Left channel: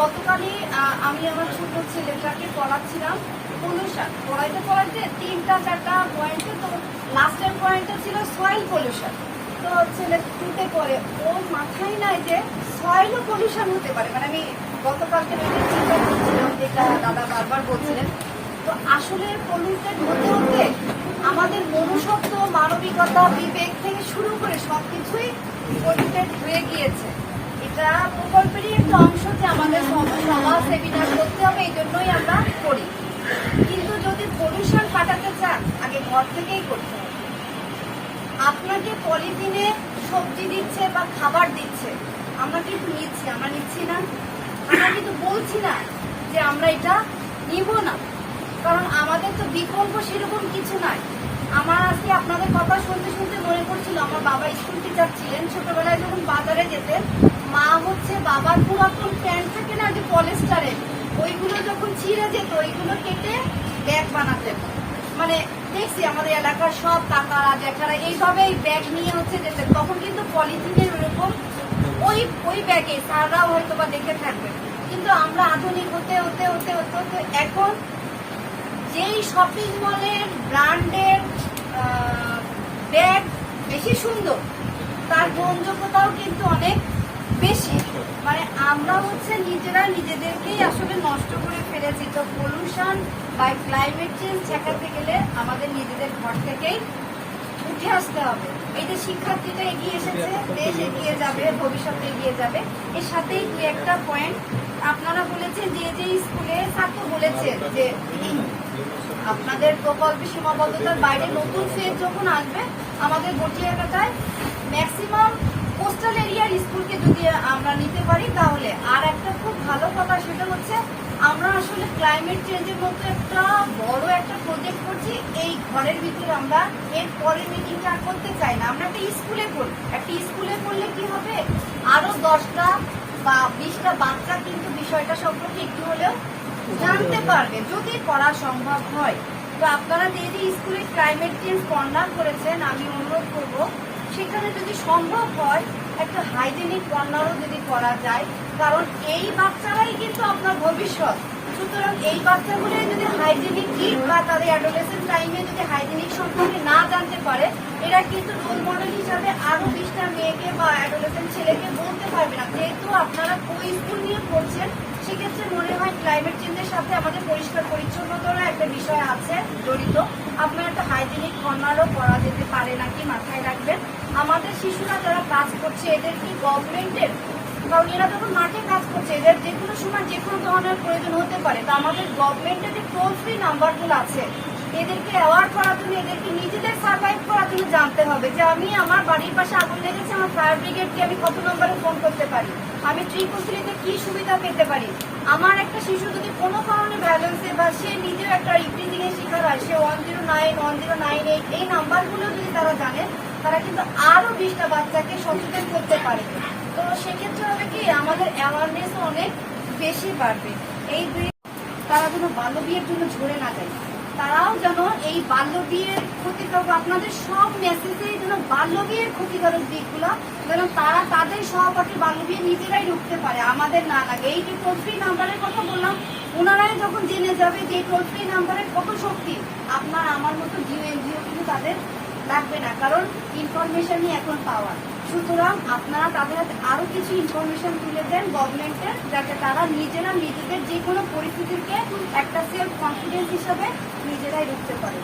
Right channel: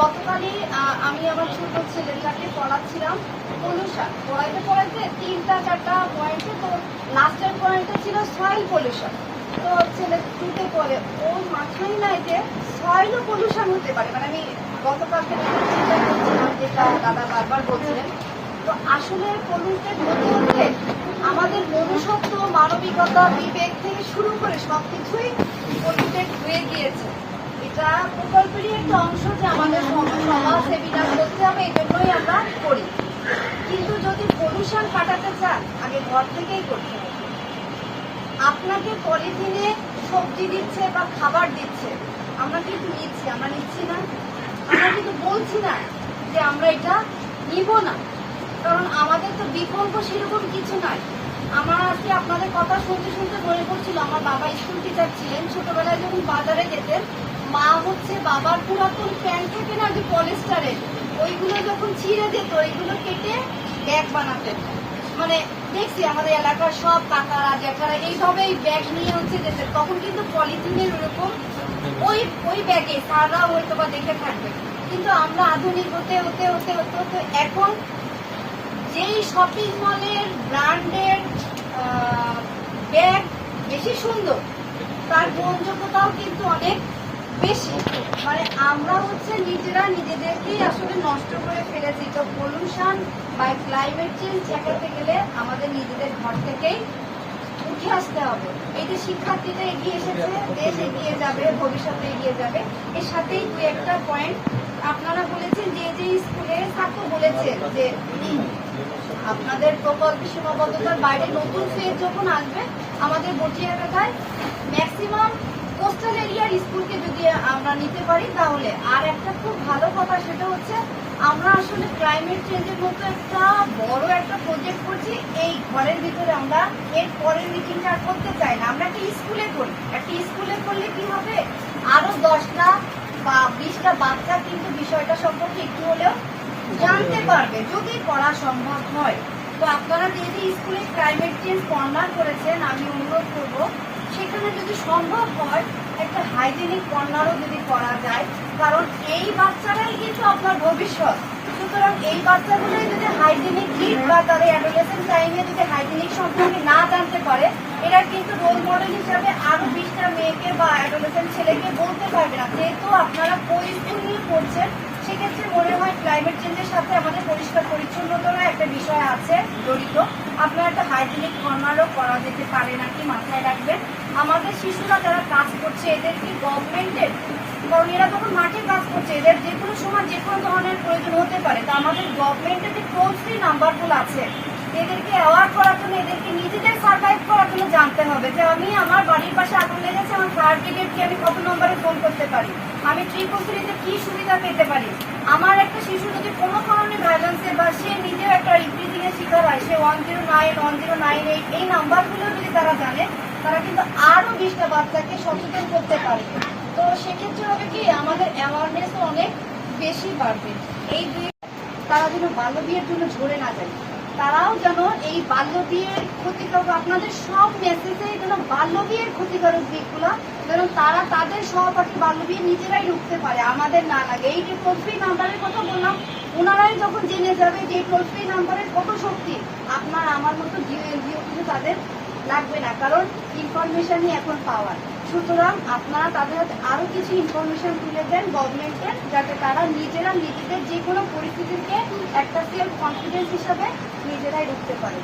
গতকালই আমি আমার ছোট ছেলেটাকে পড়াচ্ছিলাম পলিউশন পড়াইতে পড়াইতে তিনটা, চারটা পয়েন্টে তো লাস্টের পয়েন্টে ছিল সয়েল পলিউশন তো ছেলে টুতে পরে ওর মাথায় নাই যে সয়েলও পলিউশন হতে পারে। মানে আমি গতকালকে চিন্তা করছিলাম, যেটা দাদা বারবার বলছিলেন, তো আসলে পলিউটেড হতে হতে আমাদের মনুষ্যত্ব, মানবিকতা, বিবেক থেকে শুরু করে সবকিছুই পলিউটেড হয়ে গিয়েছে। এটা প্রকল্পেরই একটা অংশ যে আমাদের সম- সমাজ সেমিনার করতে হবে এই জন্যই আমরা করি। কিন্তু যদি পলিউশন কাটাতে চান, আগে ঘর থেকেই করতে হবে। আপনাকে পলিথিনে সবজি দিচ্ছে বা খাবার দিচ্ছে, আমরা কিন্তু নিচ্ছি, আমরা নিচ্ছি না। আমরা কিন্তু বলছি না যে আমরা এটা নিব না। কারণ আমাদের তো বিকল্প সেরকম কিছু নাই। আমার আজকে আপনাদের কথা শুনতে শুনতে মনে পড়ছিল, আমার বাবা স্কুল টিচার ছিলেন ছোটবেলায় যখন বাজারে যেতেন, মা হচ্ছে বাবার পুরাতন প্যান্ট থেকে না যে পলিস্টারের ওইগুলো যখন ছিঁড়ে যেত, ওইগুলো কেটে ব্যাগ বানাতেন। মানে দেখছি আমাদের এলাকার সব কাকারা, জ্যাঠারা এইভাবে এই ব্যাগ নিয়ে হচ্ছে যেতেন। তখন কিন্তু পলিথিনের ওরকম ওই ওই ব্যাগে সারাও হয়তো বা দেখে থাকবে। কিন্তু আমরা আধুনিক হতে হতে হতে হতে, এখন যেই শপিং মলের ব্র্যান্ডের ব্যাগ বেশি সুন্দর, তার গ্রহণযোগ্যতাও কিন্তু অনেক বেশি। মানে আমরা হচ্ছে নিজেরা নিজেদেরকেই আসলে নষ্ট করে ফেলেছি। তো পলিউশন বা ক্লাইমেট চেঞ্জ ঠেকাতে গেলে আমাদের নিজেদের ঘর থেকেই উঠে আসতে হবে। এই যে শিক্ষার্থীরা এগিয়ে এসেছে, দেশ এগিয়ে যাবে, ভবিষ্যতে এগিয়ে যাবে। এর সাথেই দু একটা পয়েন্ট আপনারা বলেছেন, যে যে স্কুলে ছাত্র বলেছেন যে আপনাদের প্রকল্প সীমাবদ্ধতার বাইরে নতুন ফেজ যখন আসবে, আমাদের বটি এলাকায় ম্যাক্সিমাম কোস্টাল এরিয়ার স্কুলকে যদি আমরা নিতে পারি, তাহলে আর একটা খুব ভালো কথা সেটা হচ্ছে, আমরা আসলে ক্লাইমেট চেঞ্জের মতো একটা বড় একটা প্রজেক্ট করছি, এই ঘরের ভিতরে আমরা এর পরের মিটিংটা করতে চাই না। আমরা একটা স্কুলে করি একটা স্কুলে করলে কি হবে? আরও দশটা বা বিশটা বাচ্চা কিন্তু বিষয়টা সম্পর্কে একটু হলেও জানতে পারবে। যদি করা সম্ভব হয়। তো আপনারা যে স্কুলে ক্লাইমেট চেঞ্জ কর্নার করেছেন, আমি অনুরোধ করব। সেখানে যদি সম্ভব হয়, একটা হাইজেনিক কর্নারও যদি করা যায়। কারণ এই বাচ্চারাই কিন্তু আপনার ভবিষ্যৎ। সুতরাং এই বাচ্চাগুলোই যদি হাইজেনিক কিট বা তাদের অ্যাডোলেসেন্ট টাইমে যদি হাইজেনিক সম্পর্কে না জানতে পারে, এরা কিন্তু রোল মডেল হিসাবে আরও বিশটা মেয়েকে বা অ্যাডোলেসেন্ট ছেলেকে বলতে পারবে না। যেহেতু আপনারা কোই স্কুল নিয়ে পড়ছেন সেক্ষেত্রে মনে হয় ক্লাইমেট চেঞ্জের সাথে আমাদের পরিষ্কার পরিচ্ছন্নতার একটা বিষয় আছে, জড়িত। আপনার একটা হাইজিনিক কর্নারও করা যেতে পারে নাকি মাথায় রাখবেন। আমাদের শিশুরা যারা কাজ করছে, এদের কি গভর্নমেন্টের কারণ এরা যখন মাঠে কাজ করছে, এদের যে কোনো সময় যে কোনো ধরনের প্রয়োজন হতে পারে। তা আমাদের গভর্নমেন্টের যে টোল ফ্রি নাম্বারগুলো আছে এদেরকে অ্যাওয়ার্ড করার জন্য এদেরকে নিজেদের সার্ভাইভ করার জন্য জানতে হবে যে আমি আমার বাড়ির পাশে আগুন লেগেছে, আমার ফায়ার ব্রিগেডকে আমি কত নম্বরে ফোন করতে পারি? আমি ট্রিপল থ্রিতে কি সুবিধা পেতে পারি? আমার একটা শিশু যদি কোনো কারণে ভাইলেন্সে বা সে নিজেও একটা রিফ্রিজিং এর শিকার হয়, সে one zero nine one zero nine eight এই নাম্বারগুলো যদি তারা জানে, তারা কিন্তু আরও বিশটা বাচ্চাকে সচেতন করতে পারে। তো সেক্ষেত্রে হবে কি, আমাদের অ্যাওয়ারনেস অনেক বেশি বাড়বে। এই দুই তারা যেন বাল্য বিয়ের জন্য ঝরে না যায়। তারাও যেন এই বাল্য বিয়ের ক্ষতিকারক আপনাদের সব মেসেজে যেন বাল্য বিয়ের ক্ষতিকারক দিকগুলো, যেন তারা তাদের সহপাঠী বাল্য বিয়ে নিজেরাই ঢুকতে পারে। আমাদের না লাগে। এই যে টোল ফ্রি নাম্বারের কথা বললাম, ওনারাই যখন জেনে যাবে যে এই টোল ফ্রি নাম্বারের কত শক্তি, আপনার আমার মতো জিও এনজিও কিন্তু তাদের লাগবে না। কারণ ইনফরমেশনই এখন পাওয়ার সুতরাং আপনারা তাদের হাতে আরও কিছু ইনফরমেশন তুলে দেন গভর্নমেন্টের যাতে তারা নিজেরা নিজেদের যে কোনো পরিস্থিতিকে একটা সেলফ কনফিডেন্স হিসাবে নিজেরাই রুখতে পারে।